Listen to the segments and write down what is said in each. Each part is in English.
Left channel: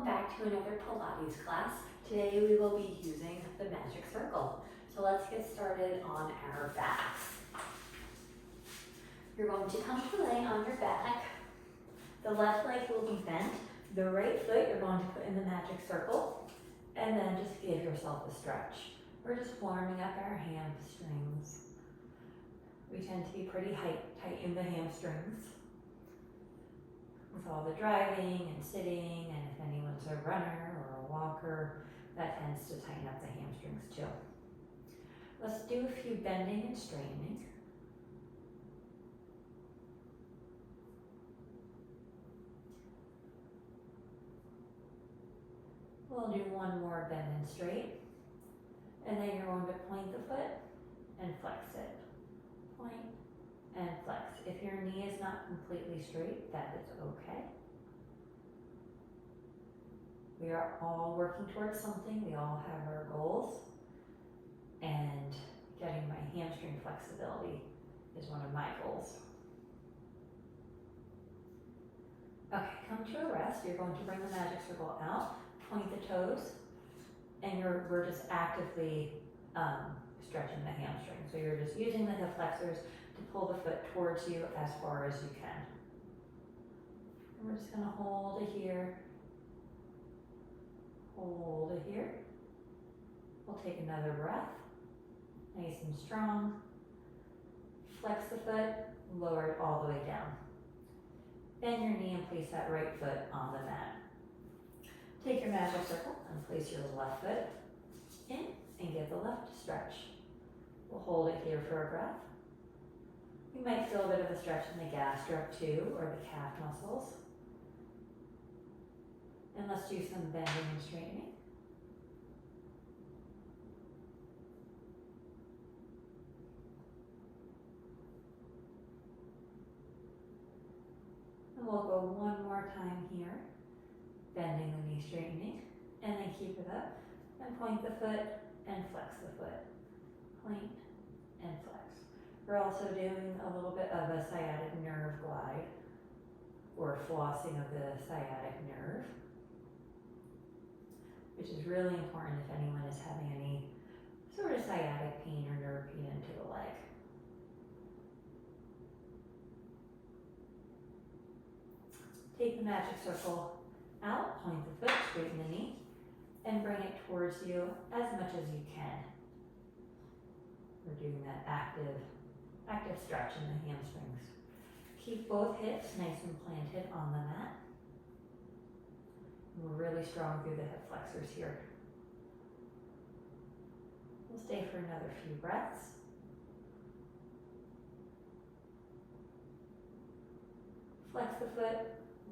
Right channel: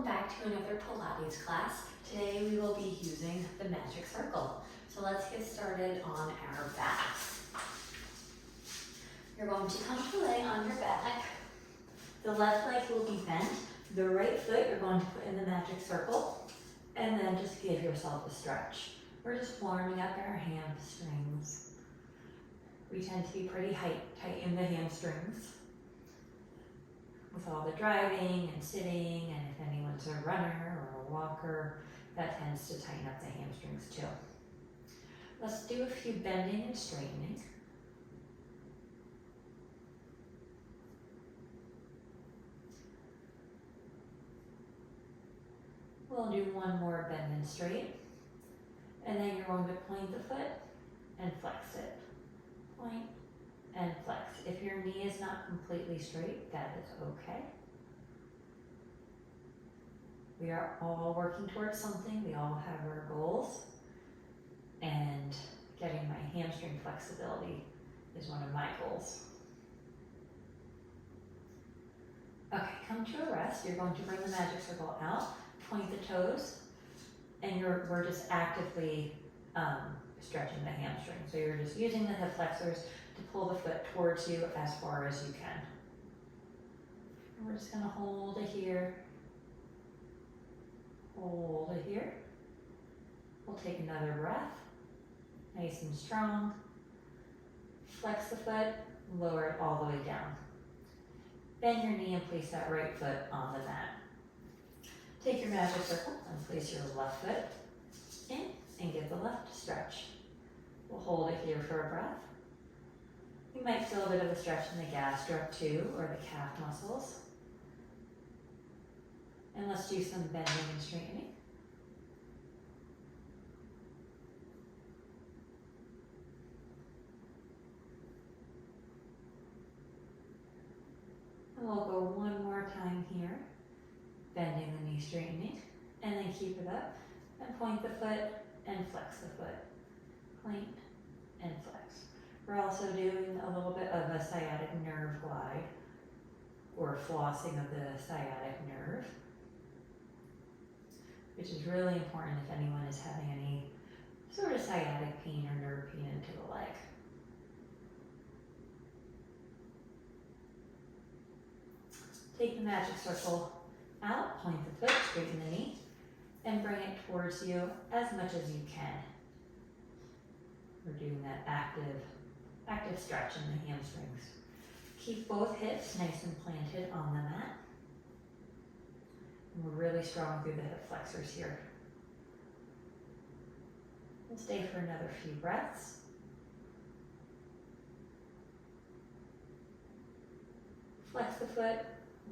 welcome back to another Pilates class. Today we will be using the magic circle. So let's get started on our backs. You're going to comfortably lay on your back. The left leg will be bent. The right foot you're going to put in the magic circle, and then just give yourself a stretch. We're just warming up our hamstrings. We tend to be pretty tight in the hamstrings with all the driving and sitting, and if anyone's a runner or a walker, that tends to tighten up the hamstrings too. Let's do a few bending and straightening. We'll do one more bend and straight, and then you're going to point the foot and flex it. Point and flex. If your knee is not completely straight, that is okay. We are all working towards something. We all have our goals, and getting my hamstring flexibility is one of my goals. Okay, come to a rest. You're going to bring the magic circle out, point the toes, and we're just actively stretching the hamstring. So you're just using the hip flexors to pull the foot towards you as far as you can. And we're just going to hold it here. Hold it here. We'll take another breath. Nice and strong. Flex the foot, lower it all the way down. Bend your knee and place that right foot on the mat. Take your magic circle and place your left foot in and give the left a stretch. We'll hold it here for a breath. You might feel a bit of a stretch in the gastroc too, or the calf muscles. And let's do some bending and straightening. And we'll go one more time here, bending the knee, straightening, and then keep it up, and point the foot and flex the foot. Point and flex. We're also doing a little bit of a sciatic nerve glide, or flossing of the sciatic nerve, which is really important if anyone is having any sort of sciatic pain or nerve pain into the leg. Take the magic circle out, point the foot, straighten the knee, and bring it towards you as much as you can. We're doing that active stretch in the hamstrings. Keep both hips nice and planted on the mat. And we're really strong through the hip flexors here. We'll stay for another few breaths. Flex the foot,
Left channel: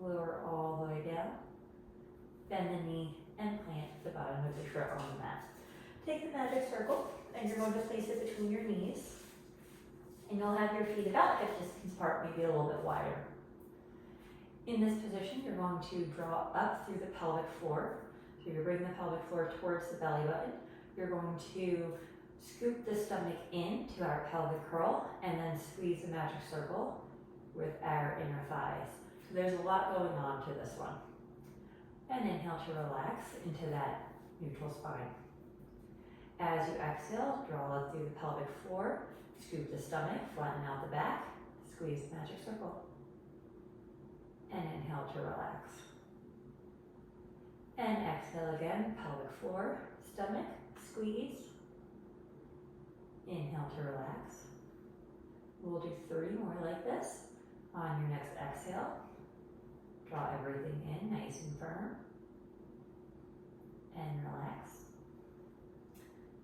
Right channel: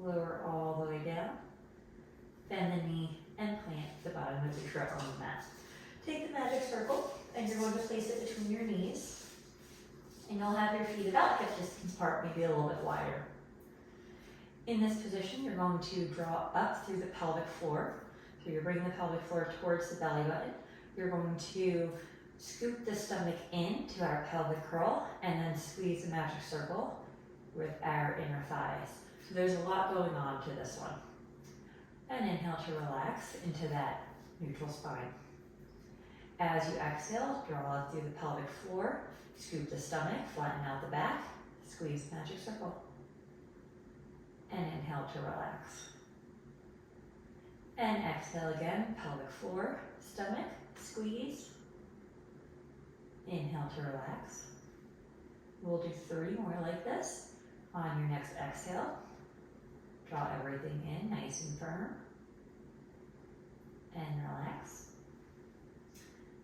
lower all the way down. Bend the knee and plant the bottom of the foot on the mat. Take the magic circle and you're going to place it between your knees. And you'll have your feet about hip distance apart, maybe a little bit wider. In this position, you're going to draw up through the pelvic floor. So you're bringing the pelvic floor towards the belly button. You're going to scoop the stomach into our pelvic curl and then squeeze the magic circle with our inner thighs. So there's a lot going on to this one. And inhale to relax into that neutral spine. As you exhale, draw through the pelvic floor, scoop the stomach, flatten out the back, squeeze the magic circle. And inhale to relax. And exhale again, pelvic floor, stomach, squeeze. Inhale to relax. We'll do 3 more like this. On your next exhale, draw everything in nice and firm. And relax.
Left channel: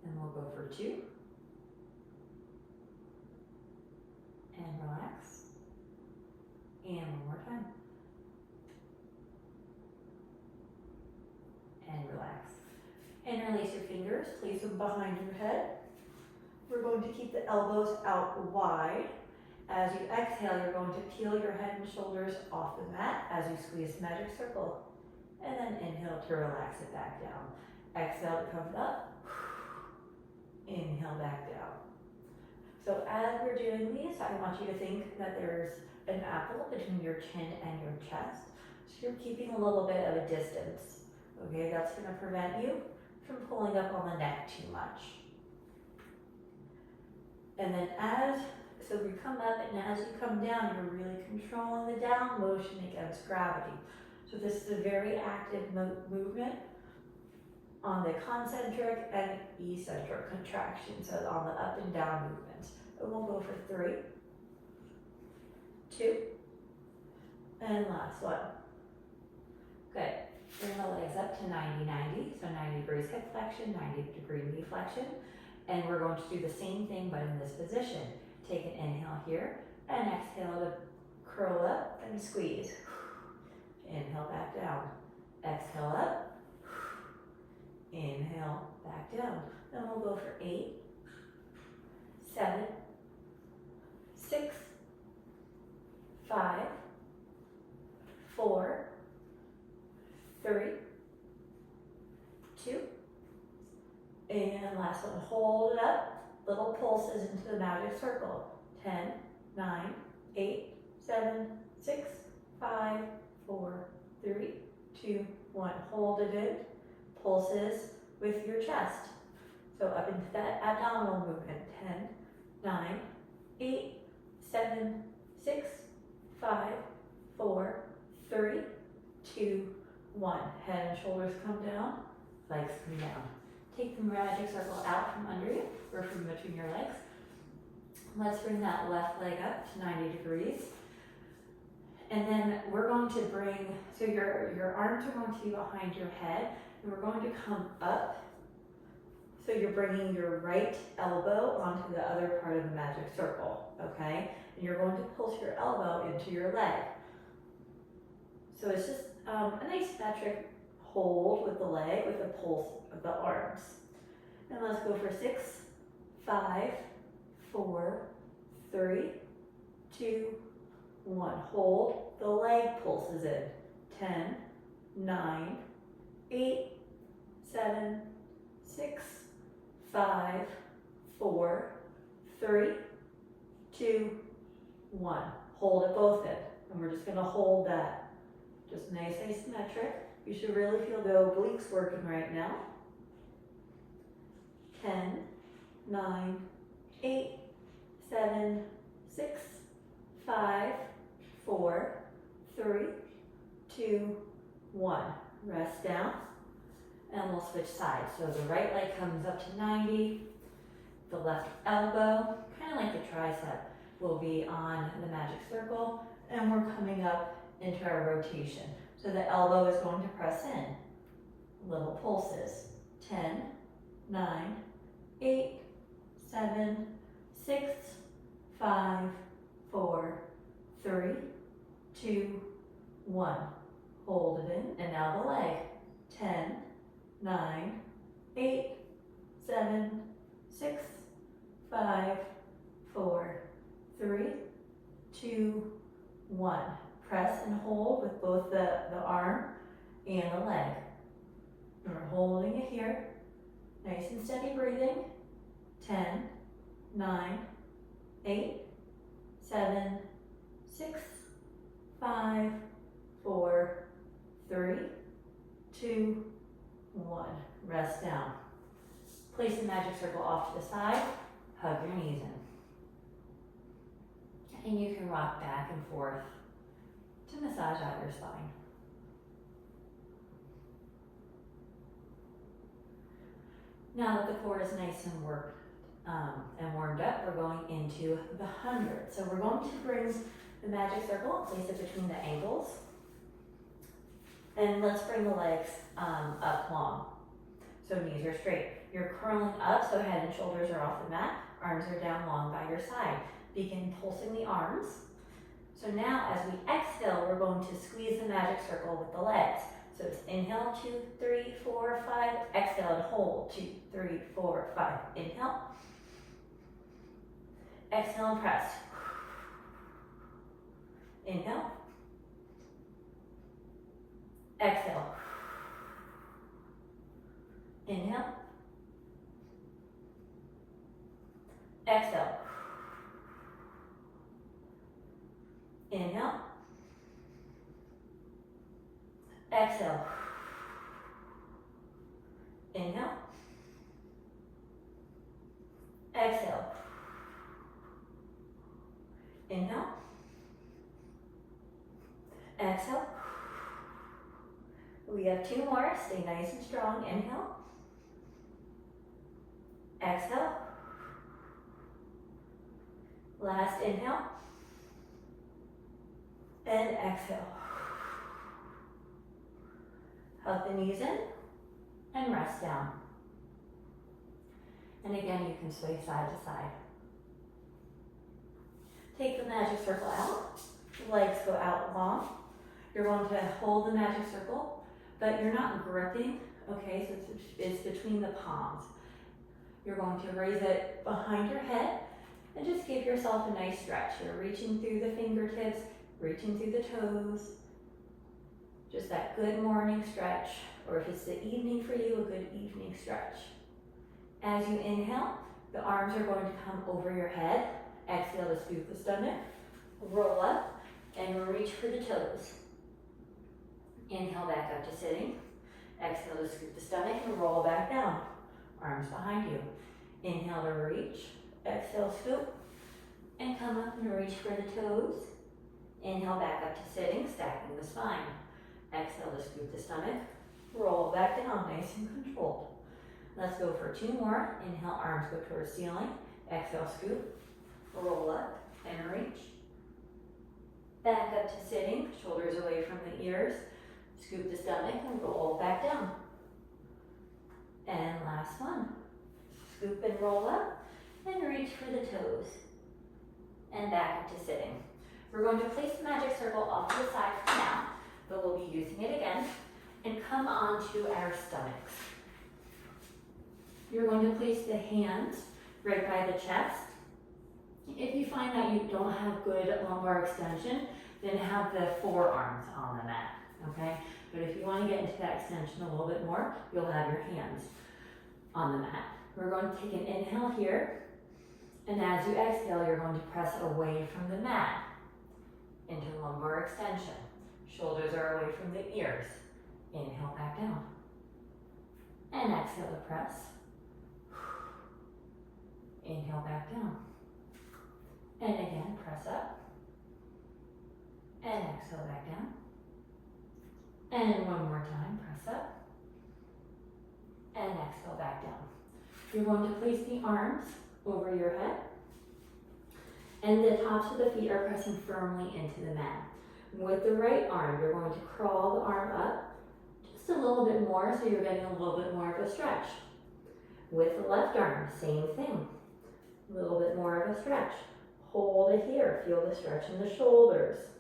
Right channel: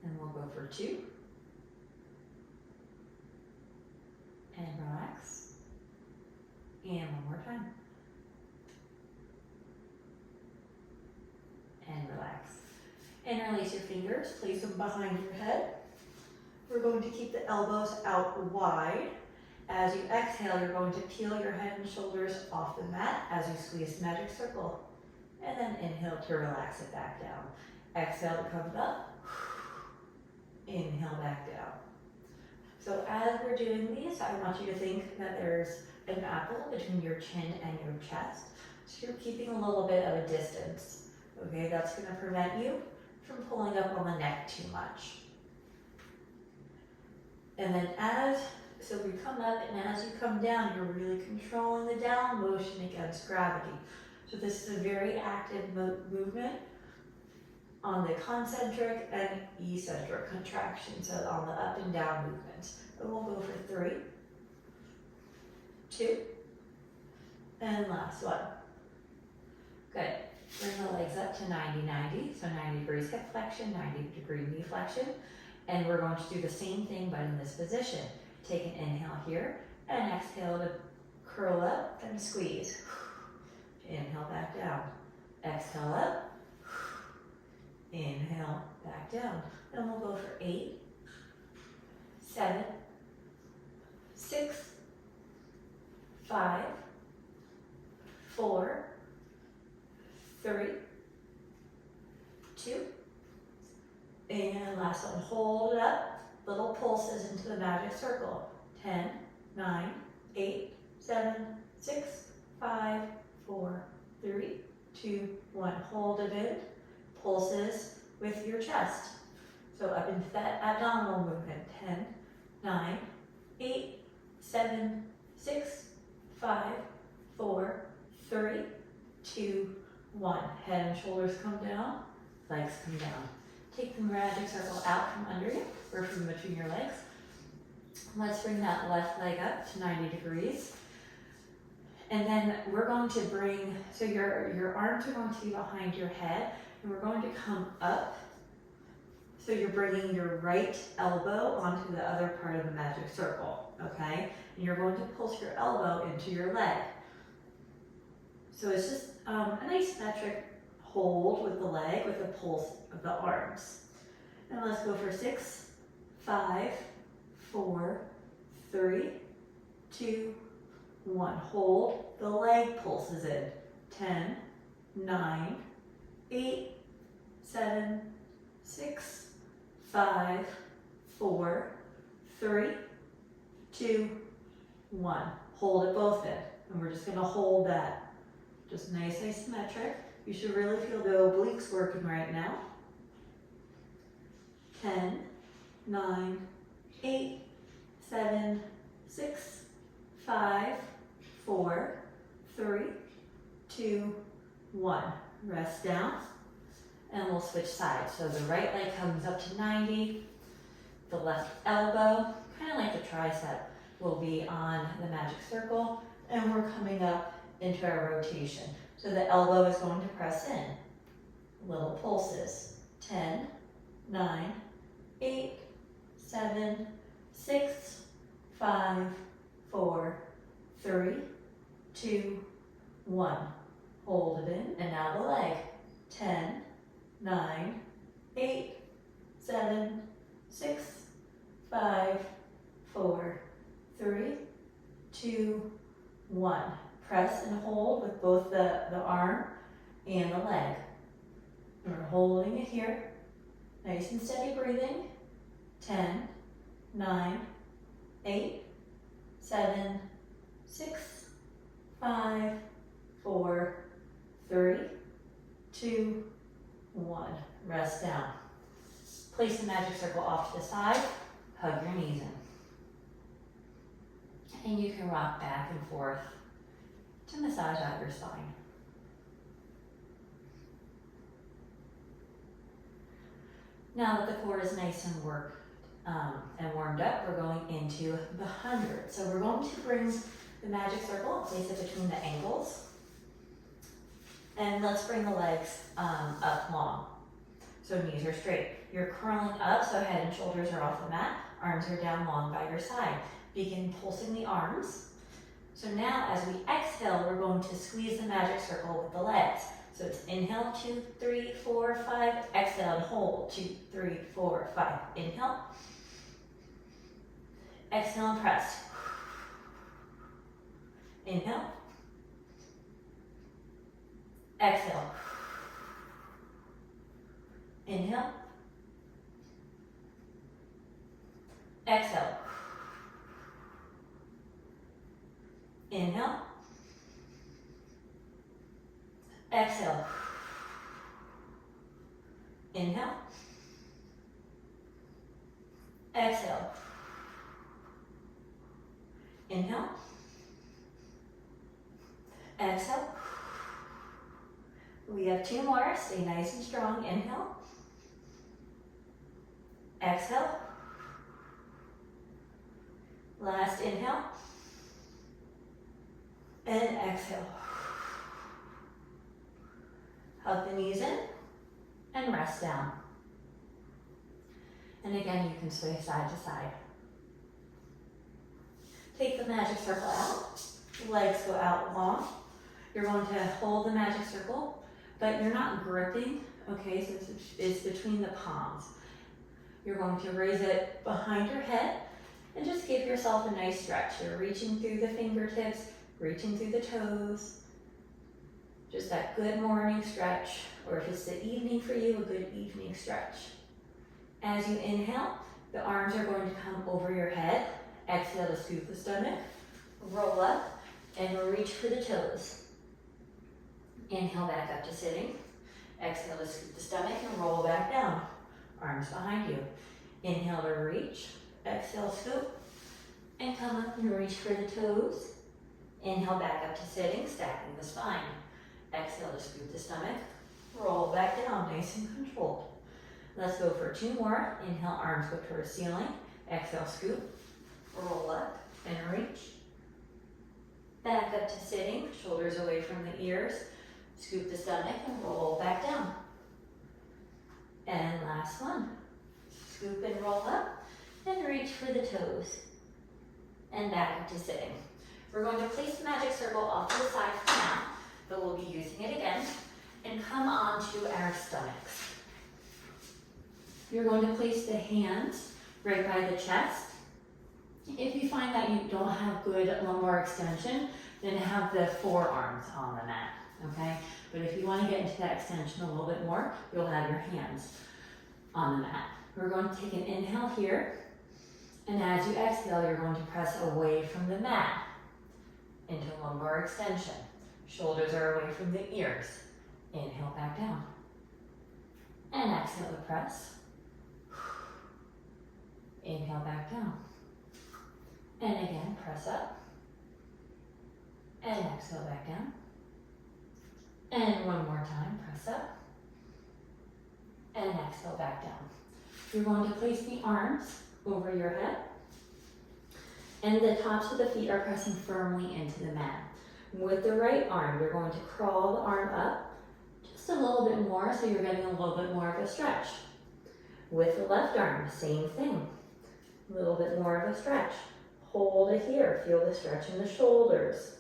And we'll go for 2. And relax. And one more time. And relax. And release your fingers, place them behind your head. We're going to keep the elbows out wide. As you exhale, you're going to peel your head and shoulders off the mat as you squeeze the magic circle. And then inhale to relax it back down. Exhale to come up. Inhale back down. So as we're doing these, I want you to think that there's an apple between your chin and your chest. So you're keeping a little bit of a distance. okay? That's gonna prevent you from pulling up on the neck too much. And then so we come up, and as you come down, you're really controlling the down motion against gravity. So this is a very active movement on the concentric and eccentric contraction, so on the up and down movements. And we'll go for 3, 2, and last one. Good. Bring the legs up to 90-90, so 90 degrees hip flexion, 90 degree knee flexion. And we're going to do the same thing, but in this position. Take an inhale here, and exhale to curl up and squeeze. Inhale back down. Exhale up. Inhale back down. Then we'll go for 8, 7, 6, 5, 4, 3, 2, and last one. Hold it up. Little pulses into the magic circle. 10, 9, 8, 7, 6, 5, 4, 3, 2, 1. Hold it in. Pulses with your chest. So up into that abdominal movement. 10, 9, 8, 7, 6, 5, 4, 3, 2, 1. Head and shoulders come down, legs come down. Take the magic circle out from under you, or from between your legs. Let's bring that left leg up to 90 degrees. And then we're going to bring, so your arms are going to be behind your head, and we're going to come up. So you're bringing your right elbow onto the other part of the magic circle, okay? And you're going to pulse your elbow into your leg. So it's just a nice metric hold with the leg, with the pulse of the arms. And let's go for 6, 5, 4, 3, 2, 1. Hold, the leg pulses in. 10, 9, 8, 7, 6, 5, 4, 3, 2, 1. Hold it both in. And we're just gonna hold that. Just nice asymmetric. You should really feel the obliques working right now. 10, 9, 8, 7, 6, 5, 4, 3, 2, 1. Rest down, and we'll switch sides. So the right leg comes up to 90, the left elbow, kind of like the tricep, will be on the magic circle, and we're coming up into our rotation. So the elbow is going to press in. Little pulses. 10, 9, 8, 7, 6, 5, 4, 3, 2, 1. Hold it in, and now the leg. 10, 9, 8, 7, 6, 5, 4, 3, 2, 1. Press and hold with both the arm and the leg. And we're holding it here. Nice and steady breathing. 10, 9, 8, 7, 6, 5, 4, 3, 2, 1. Rest down. Place the magic circle off to the side. Hug your knees in. And you can rock back and forth to massage out your spine. Now that the core is nice and worked and warmed up, we're going into the 100. So we're going to bring the magic circle, place it between the ankles, and let's bring the legs up long. So knees are straight. You're curling up, so head and shoulders are off the mat. Arms are down long by your side. Begin pulsing the arms. So now as we exhale, we're going to squeeze the magic circle with the legs. So it's inhale, 2, 3, 4, 5, exhale and hold, 2, 3, 4, 5. Inhale, exhale and press. Inhale, exhale, inhale, exhale, inhale, exhale, exhale. Inhale, exhale. We have 2 more, stay nice and strong. Inhale, exhale. Last inhale, and exhale. Hug the knees in, and rest down. And again, you can sway side to side. Take the magic circle out, legs go out long. You're going to hold the magic circle, but you're not gripping, okay? So it's between the palms. You're going to raise it behind your head and just give yourself a nice stretch. You're reaching through the fingertips, reaching through the toes. Just that good morning stretch, or if it's the evening for you, a good evening stretch. As you inhale, the arms are going to come over your head. Exhale to scoop the stomach, roll up, and reach for the toes. Inhale back up to sitting. Exhale to scoop the stomach and roll back down. Arms behind you. Inhale to reach. Exhale, scoop. And come up and reach for the toes. Inhale back up to sitting, stacking the spine. Exhale to scoop the stomach. Roll back down, nice and controlled. Let's go for 2 more. Inhale, arms go towards ceiling. Exhale, scoop. Roll up and reach. Back up to sitting, shoulders away from the ears. Scoop the stomach and roll back down. And last one. Scoop and roll up and reach for the toes. And back up to sitting. We're going to place the magic circle off to the side for now, but we'll be using it again. And come onto our stomachs. You're going to place the hands right by the chest. If you find that you don't have good lumbar extension, then have the forearms on the mat, okay? But if you want to get into that extension a little bit more, you'll have your hands on the mat. We're going to take an inhale here, and as you exhale, you're going to press away from the mat into lumbar extension. Shoulders are away from the ears. Inhale back down. And exhale to press. Inhale back down. And again, press up. And exhale back down. And one more time, press up. And exhale back down. You're going to place the arms over your head. And the tops of the feet are pressing firmly into the mat. With the right arm, you're going to crawl the arm up just a little bit more so you're getting a little bit more of a stretch. With the left arm, same thing. A little bit more of a stretch. Hold it here. Feel the stretch in the shoulders.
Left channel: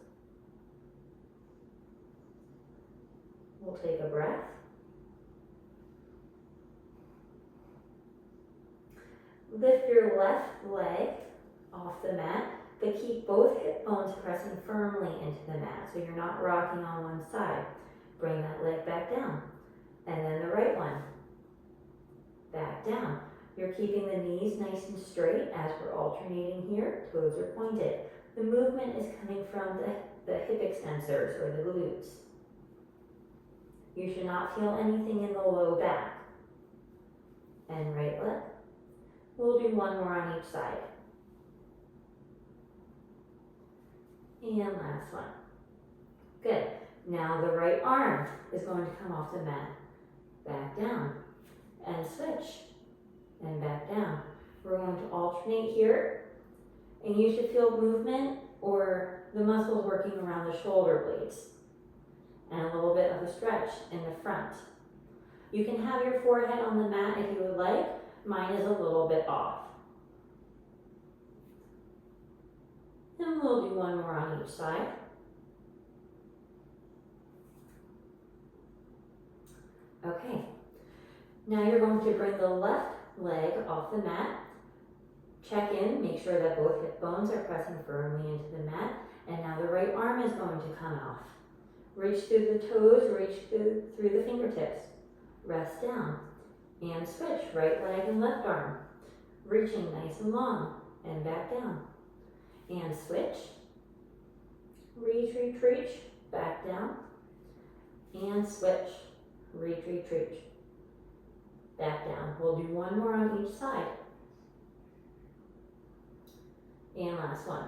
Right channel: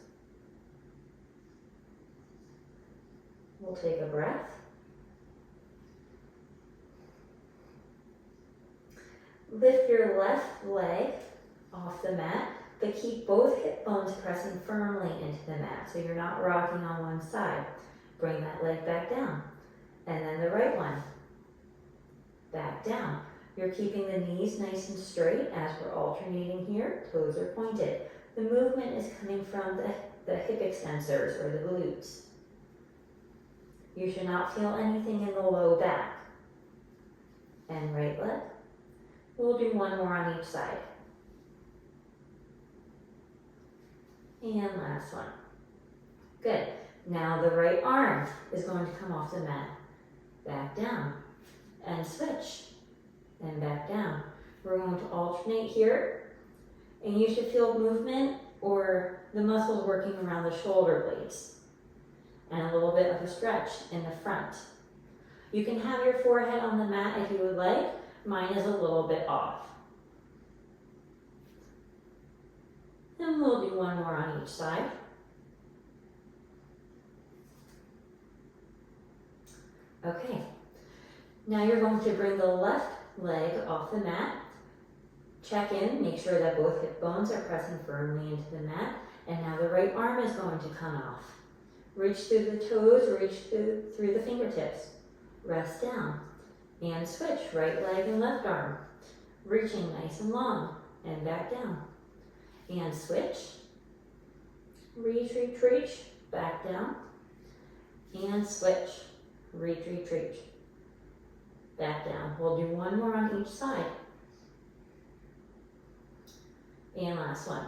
We'll take a breath. Lift your left leg off the mat, but keep both hip bones pressing firmly into the mat so you're not rocking on one side. Bring that leg back down. And then the right one. Back down. You're keeping the knees nice and straight as we're alternating here. Toes are pointed. The movement is coming from the hip extensors or the glutes. You should not feel anything in the low back. And right leg. We'll do one more on each side. And last one. Good. Now the right arm is going to come off the mat. Back down. And switch. And back down. We're going to alternate here. And you should feel movement or the muscles working around the shoulder blades. And a little bit of a stretch in the front. You can have your forehead on the mat if you would like. Mine is a little bit off. Then we'll do one more on each side. Okay. Now you're going to bring the left leg off the mat. Check in, make sure that both hip bones are pressing firmly into the mat. And now the right arm is going to come off. Reach through the toes, reach through the fingertips. Rest down. And switch, right leg and left arm. Reaching nice and long, and back down. And switch. Reach, reach, reach, back down. And switch. Reach, reach, reach. Back down. We'll do one more on each side. And last one.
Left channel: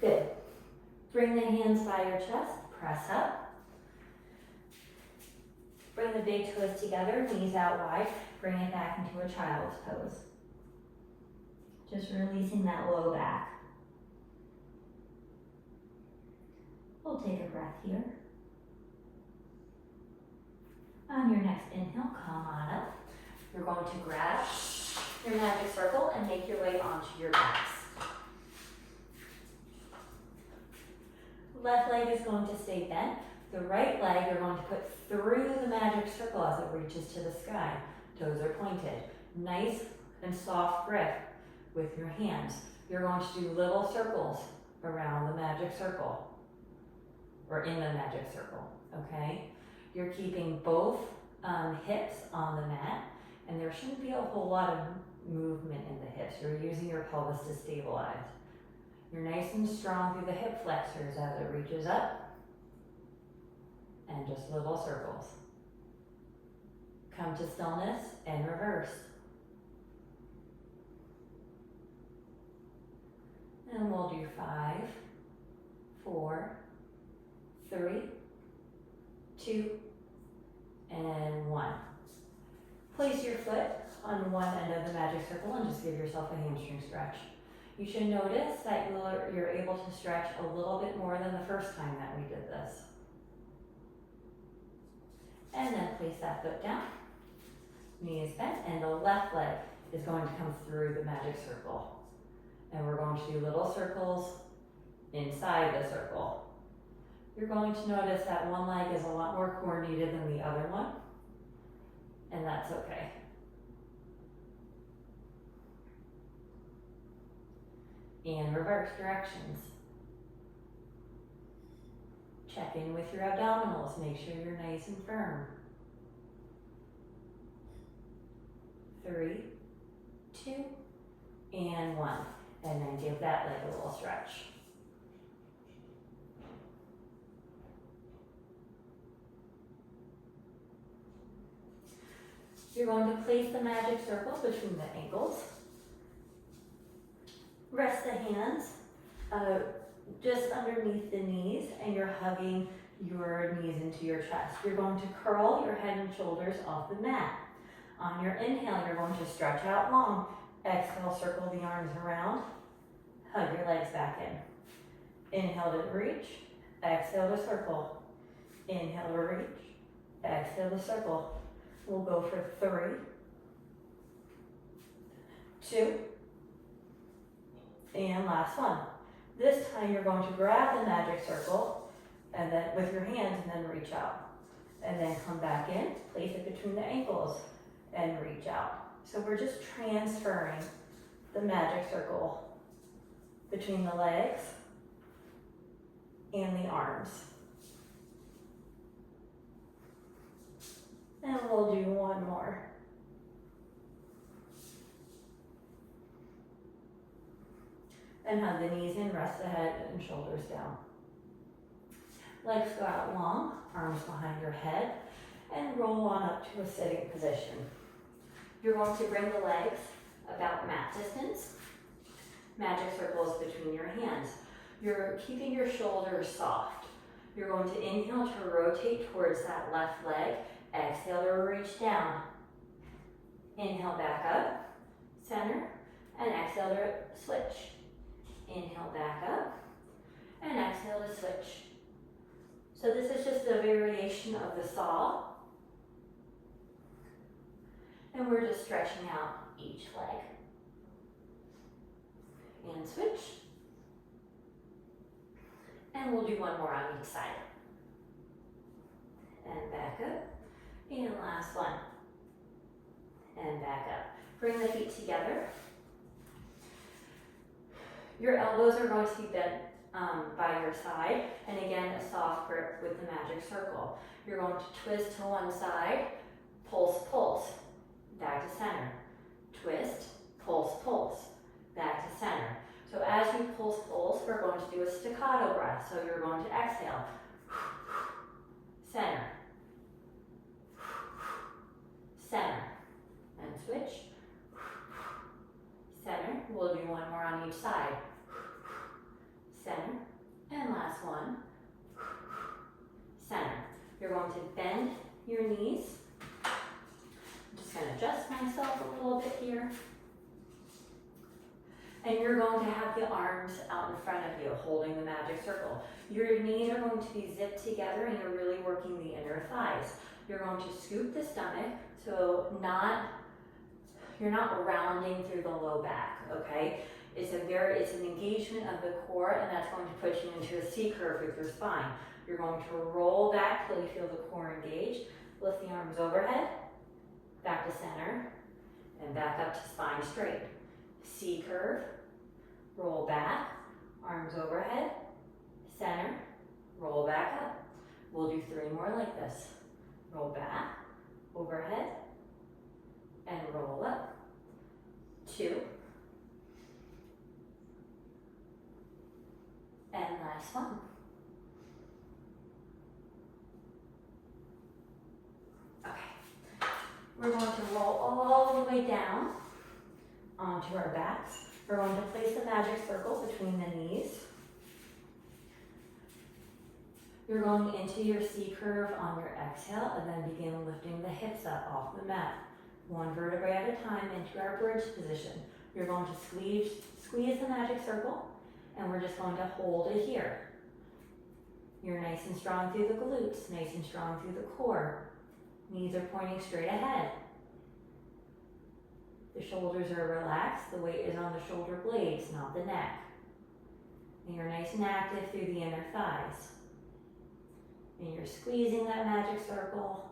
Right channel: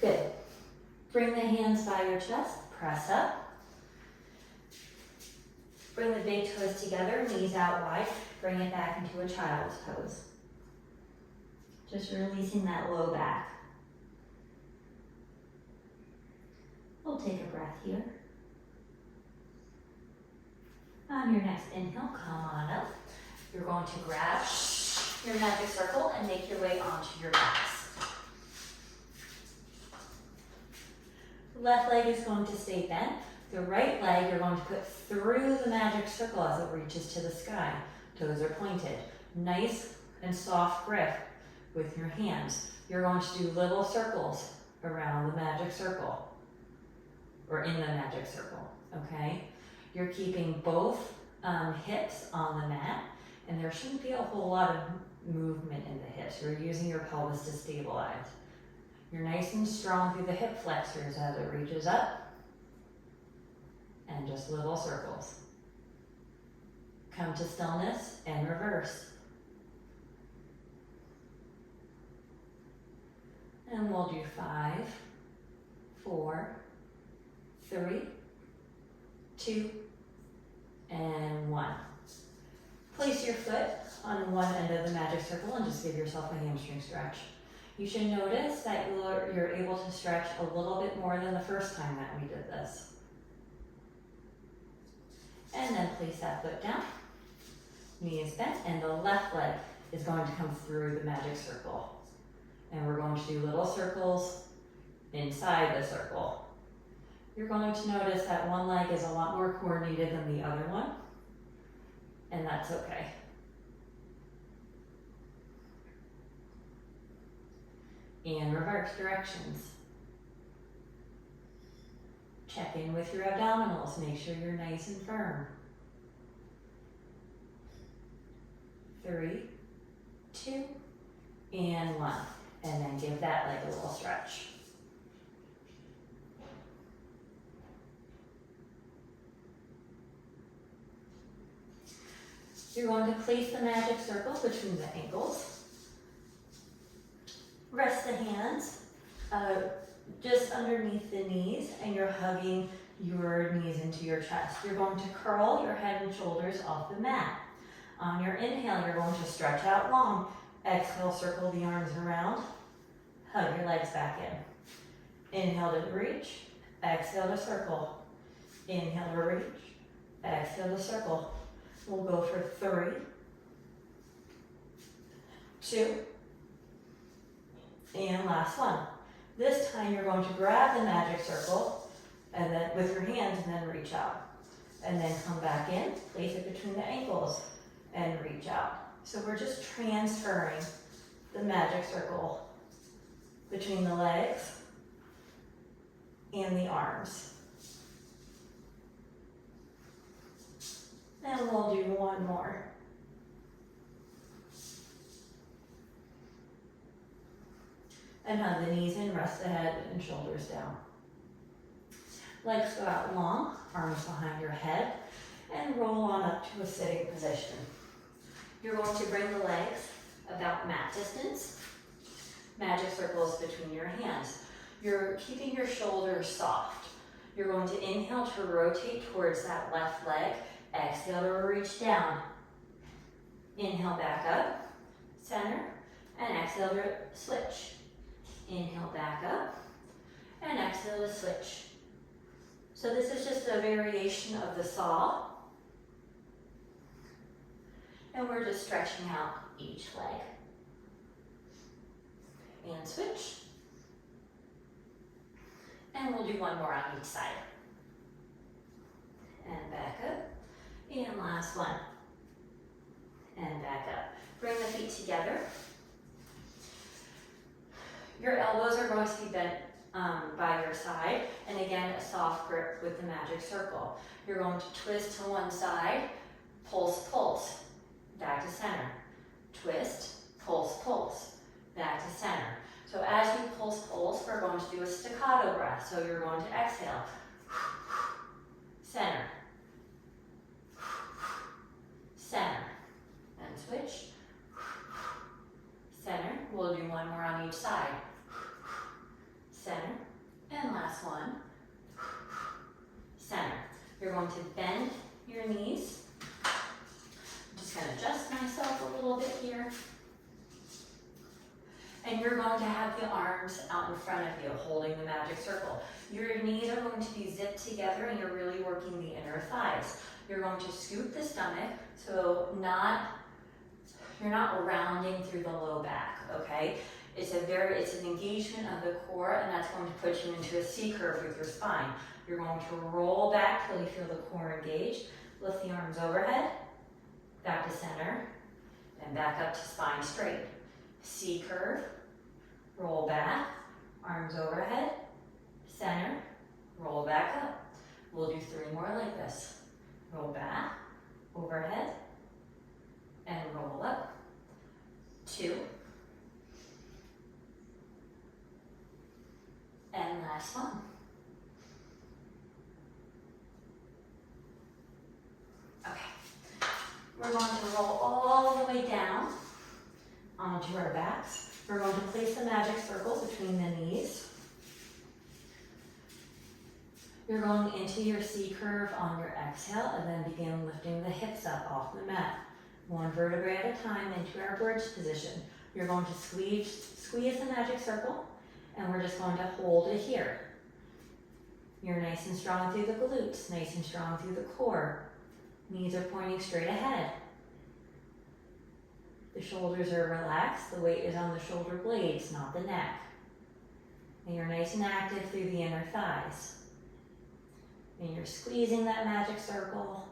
Good. Bring the hands by your chest, press up. Bring the big toes together, knees out wide, bring it back into a child's pose. Just releasing that low back. We'll take a breath here. On your next inhale, come on up. You're going to grab your magic circle and make your way onto your backs. Left leg is going to stay bent. The right leg you're going to put through the magic circle as it reaches to the sky. Toes are pointed. Nice and soft grip with your hands. You're going to do little circles around the magic circle, or in the magic circle, okay? You're keeping both hips on the mat, and there shouldn't be a whole lot of movement in the hips. You're using your pelvis to stabilize. You're nice and strong through the hip flexors as it reaches up, and just little circles. Come to stillness and reverse. And we'll do 5, 4, 3, 2, and 1. Place your foot on one end of the magic circle and just give yourself a hamstring stretch. You should notice that you're able to stretch a little bit more than the first time that we did this. And then place that foot down. Knee is bent, and the left leg is going to come through the magic circle. And we're going to do little circles inside the circle. You're going to notice that one leg is a lot more coordinated than the other one, and that's okay. And reverse directions. Check in with your abdominals, make sure you're nice and firm. 3, 2, and 1. And then give that leg a little stretch. You're going to place the magic circle between the ankles. Rest the hands just underneath the knees, and you're hugging your knees into your chest. You're going to curl your head and shoulders off the mat. On your inhale, you're going to stretch out long. Exhale, circle the arms around. Hug your legs back in. Inhale to reach. Exhale to circle. Inhale to reach. Exhale to circle. We'll go for 3, 2, and last one. This time you're going to grab the magic circle and then with your hands and then reach out. And then come back in, place it between the ankles and reach out. So we're just transferring the magic circle between the legs and the arms. And we'll do one more. And hug the knees in, rest the head and shoulders down. Legs go out long, arms behind your head, and roll on up to a sitting position. You're going to bring the legs about mat distance. Magic circles between your hands. You're keeping your shoulders soft. You're going to inhale to rotate towards that left leg. Exhale to reach down. Inhale back up, center, and exhale to switch. Inhale back up, and exhale to switch. So this is just a variation of the saw. And we're just stretching out each leg. And switch. And we'll do one more on each side. And back up. And last one. And back up. Bring the feet together. Your elbows are going to be bent by your side. And again, a soft grip with the magic circle. You're going to twist to one side, pulse, pulse, back to center. Twist, pulse, pulse, back to center. So as you pulse, pulse, we're going to do a staccato breath. So you're going to exhale, center, center, and switch, And you're going to have the arms out in front of you, holding the magic circle. Your knees are going to be zipped together and you're really working the inner thighs. You're going to scoop the stomach, so you're not rounding through the low back, okay? It's an engagement of the core, and that's going to put you into a C curve with your spine. You're going to roll back till you feel the core engaged. Lift the arms overhead, back to center, and back up to spine straight. C curve, roll back, arms overhead, center, roll back up. We'll do 3 more like this. Roll back, overhead, and roll up. 2. And last one. Okay. We're going to roll all the way down onto our backs. We're going to place the magic circle between the knees. You're going into your C curve on your exhale and then begin lifting the hips up off the mat. 1 vertebrae at a time into our bridge position. You're going to squeeze the magic circle, and we're just going to hold it here. You're nice and strong through the glutes, nice and strong through the core. Knees are pointing straight ahead. The shoulders are relaxed. The weight is on the shoulder blades, not the neck. And you're nice and active through the inner thighs. And you're squeezing that magic circle.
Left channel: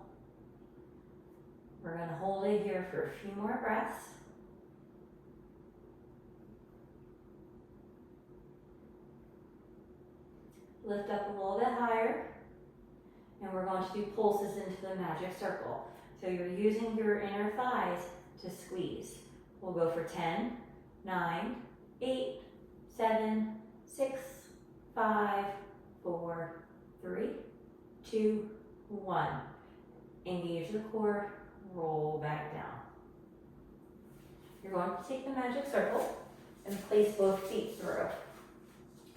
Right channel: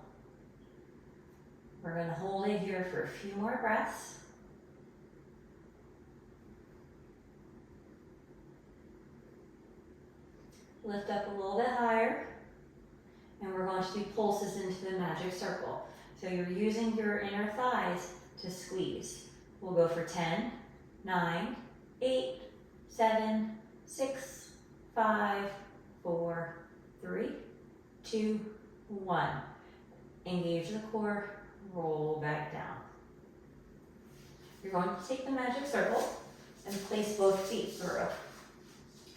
We're going to hold it here for a few more breaths. Lift up a little bit higher. And we're going to do pulses into the magic circle. So you're using your inner thighs to squeeze. We'll go for 10, 9, 8, 7, 6, 5, 4, 3, 2, 1. Engage the core, roll back down. You're going to take the magic circle and place both feet through.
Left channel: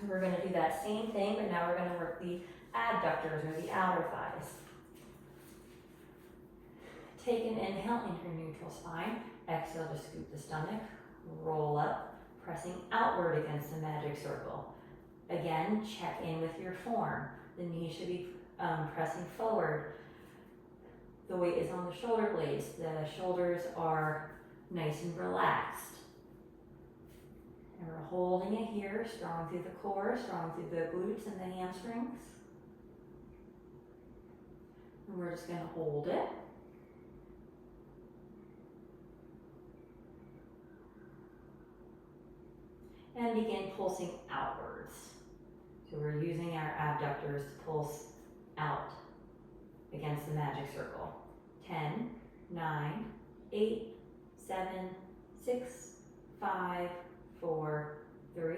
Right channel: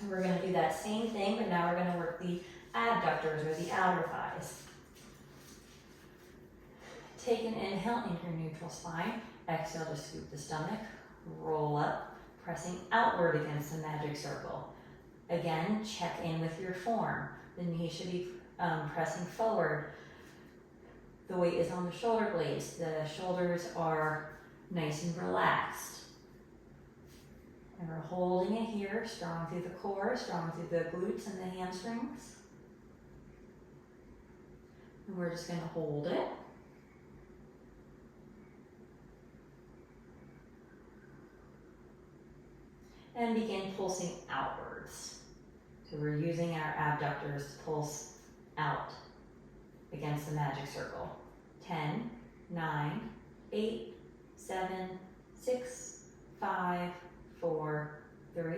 And we're going to do that same thing, but now we're going to work the abductors or the outer thighs. Take an inhale into your neutral spine. Exhale to scoop the stomach, roll up, pressing outward against the magic circle. Again, check in with your form. The knee should be pressing forward. The weight is on the shoulder blades. The shoulders are nice and relaxed. And we're holding it here, strong through the core, strong through the glutes and the hamstrings. And we're just going to hold it. And begin pulsing outwards. So we're using our abductors to pulse out against the magic circle. 10, 9, 8, 7, 6, 5, 4, 3,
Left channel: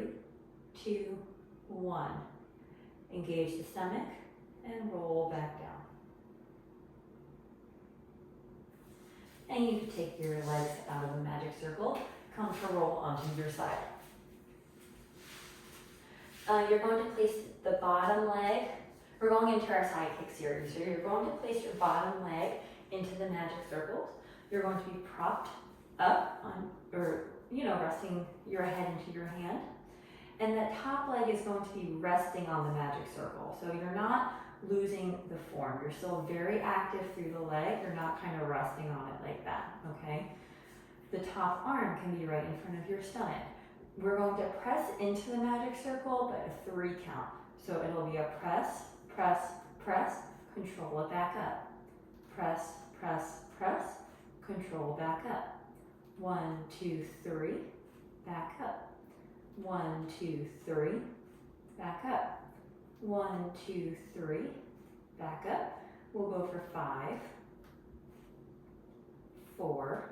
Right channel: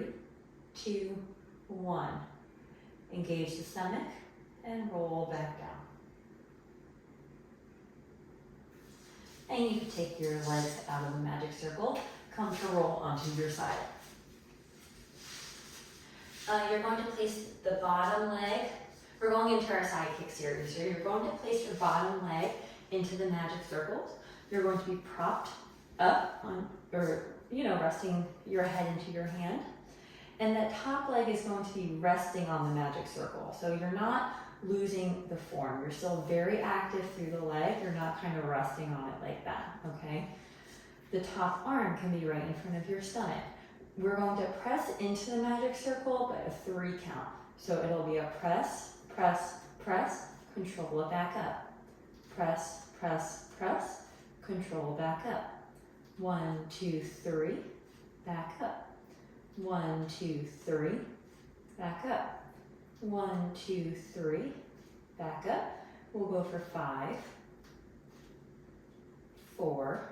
2, 1. Engage the stomach and roll back down. And you can take your legs out of the magic circle, come to roll onto your side. You're going to place the bottom leg. We're going into our side kick series here. You're going to place your bottom leg into the magic circles. You're going to be propped up on, resting your head into your hand. And that top leg is going to be resting on the magic circle. So you're not losing the form. You're still very active through the leg. You're not kind of resting on it like that, okay? The top arm can be right in front of your stomach. We're going to press into the magic circle, but a 3 count. So it'll be a press, press, press, control it back up. Press, press, press, control back up. 1, 2, 3, back up. 1, 2, 3, back up. 1, 2, 3, back up. We'll go for 5, 4,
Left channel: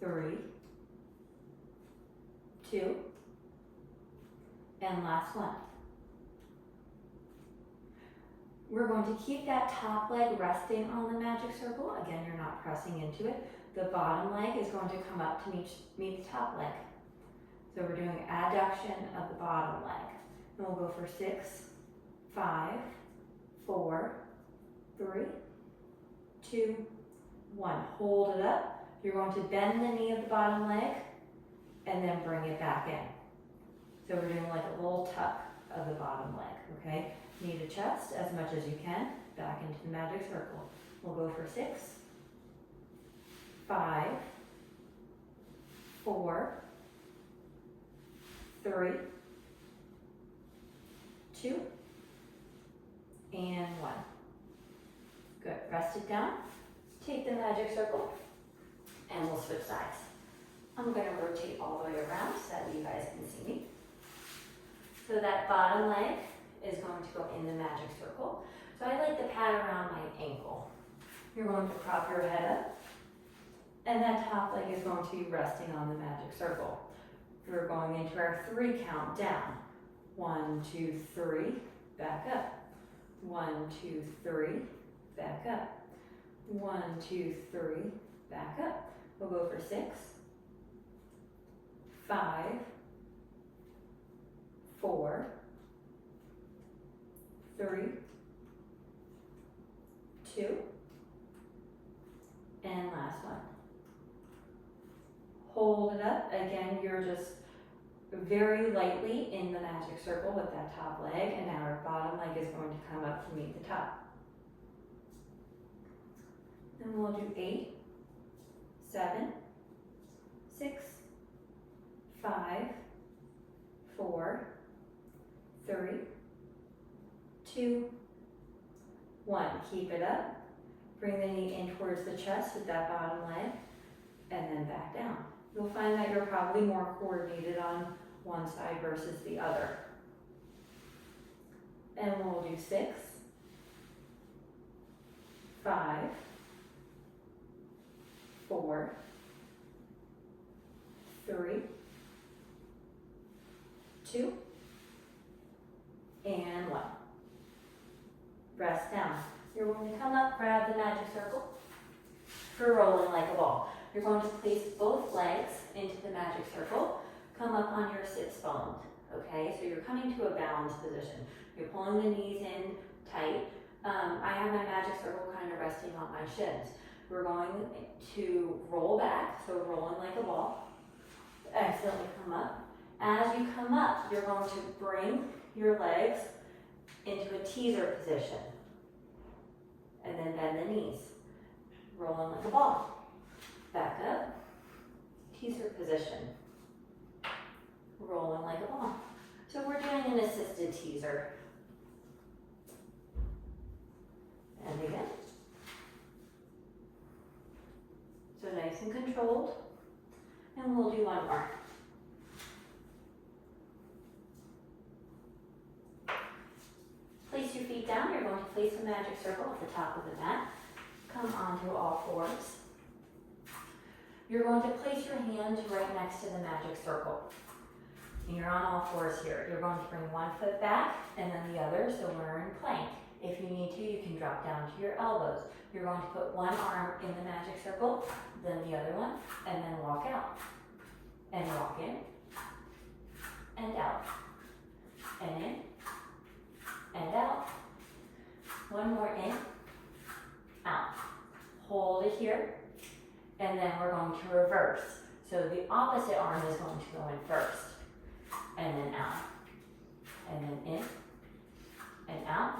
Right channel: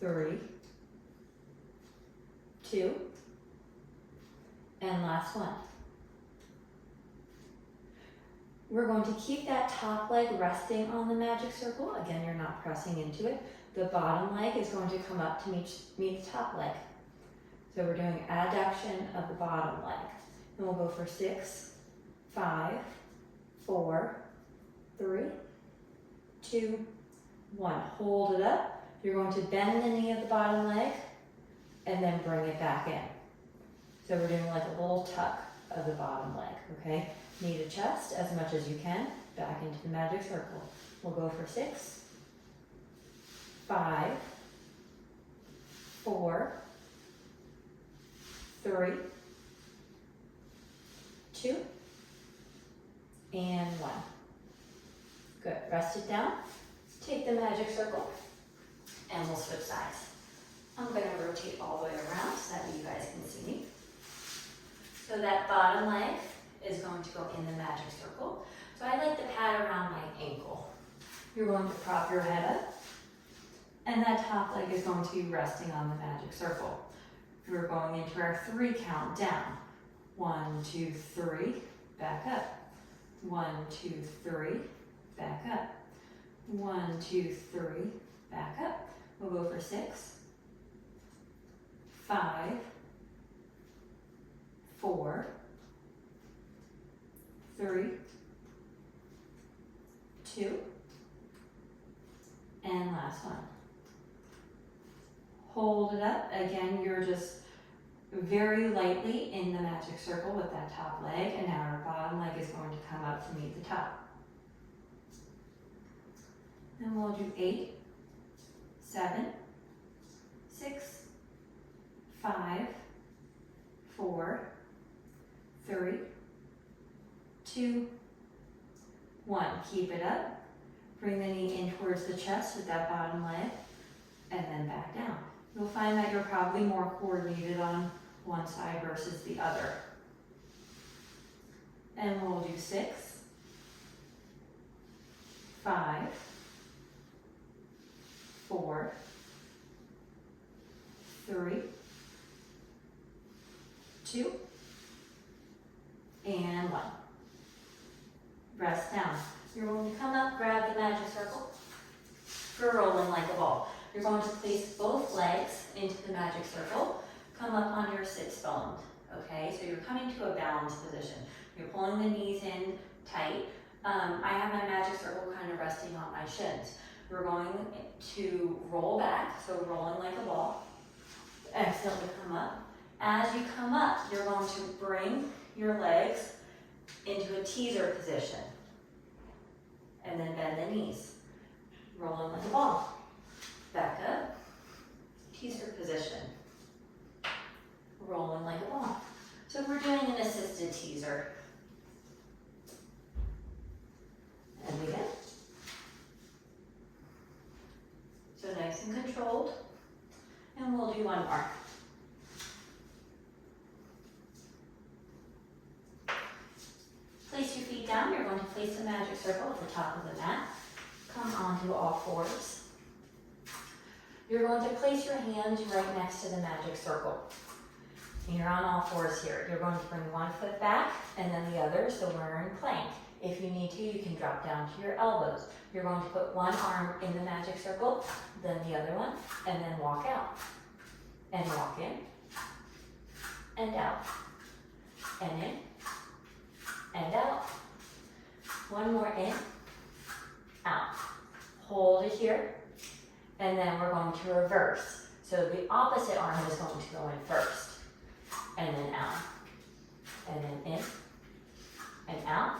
3, 2, and last one. We're going to keep that top leg resting on the magic circle. Again, you're not pressing into it. The bottom leg is going to come up to meet the top leg. So we're doing adduction of the bottom leg. And we'll go for 6, 5, 4, 3, 2, 1. Hold it up. You're going to bend the knee of the bottom leg, and then bring it back in. So we're doing like a little tuck of the bottom leg, okay? Knee to chest as much as you can, back into the magic circle. We'll go for 6, 5, 4, 3, 2, and 1. Good, rest it down. Take the magic circle, and we'll switch sides. I'm gonna rotate all the way around so that you guys can see me. So that bottom leg is going to go in the magic circle. So I like to pat around my ankle. You're going to prop your head up, and that top leg is going to be resting on the magic circle. We're going into our 3 count down. 1, 2, 3, back up. 1, 2, 3, back up. 1, 2, 3, back up. We'll go for 6, 5, 4, 3, 2, and last one. Hold it up. Again, you're just very lightly in the magic circle with that top leg, and now our bottom leg is going to come up to meet the top. Then we'll do 8, 7, 6, 5, 4, 3, 2, 1. Keep it up. Bring the knee in towards the chest with that bottom leg, and then back down. You'll find that you're probably more coordinated on one side versus the other. And we'll do 6, 5, 4, 3, 2, and 1. Rest down. You're going to come up, grab the magic circle for rolling like a ball. You're going to place both legs into the magic circle. Come up on your sits bone, okay? So you're coming to a balanced position. You're pulling the knees in tight. I have my magic circle kind of resting on my shins. We're going to roll back, so rolling like a ball. Excellently come up. As you come up, you're going to bring your legs into a teaser position. And then bend the knees. Rolling like a ball. Back up. Teaser position. Rolling like a ball. So we're doing an assisted teaser. And again. So nice and controlled. And we'll do one more. Place your feet down. You're going to place the magic circle at the top of the mat. Come onto all fours. You're going to place your hands right next to the magic circle. And you're on all fours here. You're going to bring one foot back and then the other, so we're in plank. If you need to, you can drop down to your elbows. You're going to put one arm in the magic circle, then the other one, and then walk out. And walk in, and out, and in, and out. One more in, out. Hold it here, and then we're going to reverse. So the opposite arm is going to go in first, and then out, and then in, and out,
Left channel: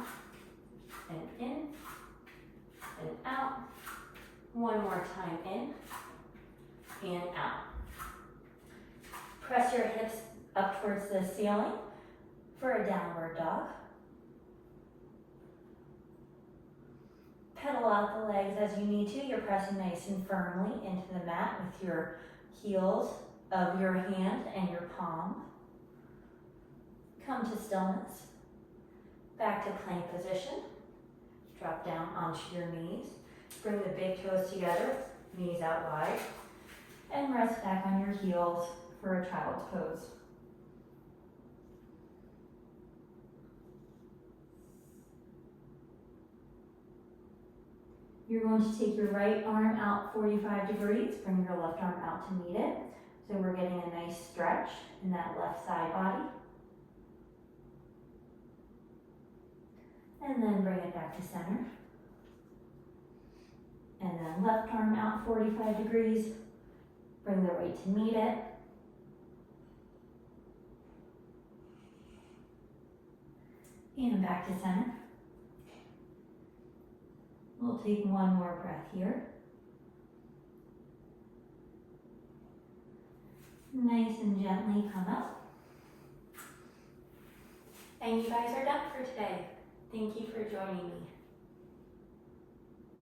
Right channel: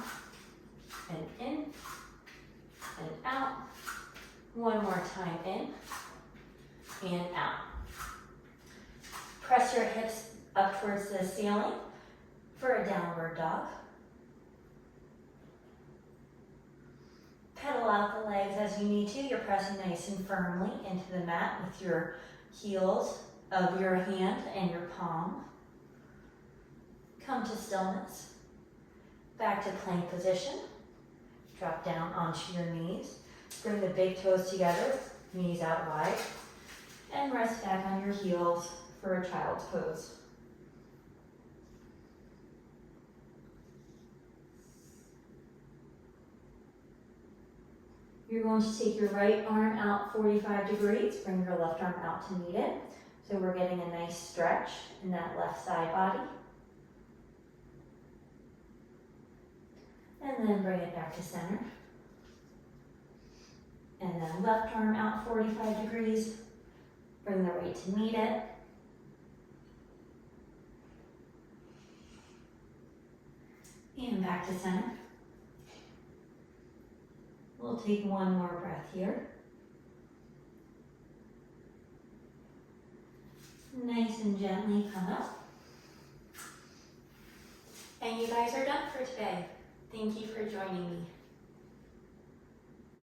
and in, and out. One more time in, and out. Press your hips up towards the ceiling for a downward dog. Pedal out the legs as you need to. You're pressing nice and firmly into the mat with your heels of your hand and your palm. Come to stillness. Back to plank position. Drop down onto your knees. Bring the big toes together, knees out wide. And rest back on your heels for a child's pose. You're going to take your right arm out 45 degrees, bring your left arm out to meet it. So we're getting a nice stretch in that left side body. And then bring it back to center. And then left arm out 45 degrees, bring the right to meet it. And back to center. We'll take one more breath here. Nice and gently come up. And you guys are done for today. Thank you for joining me.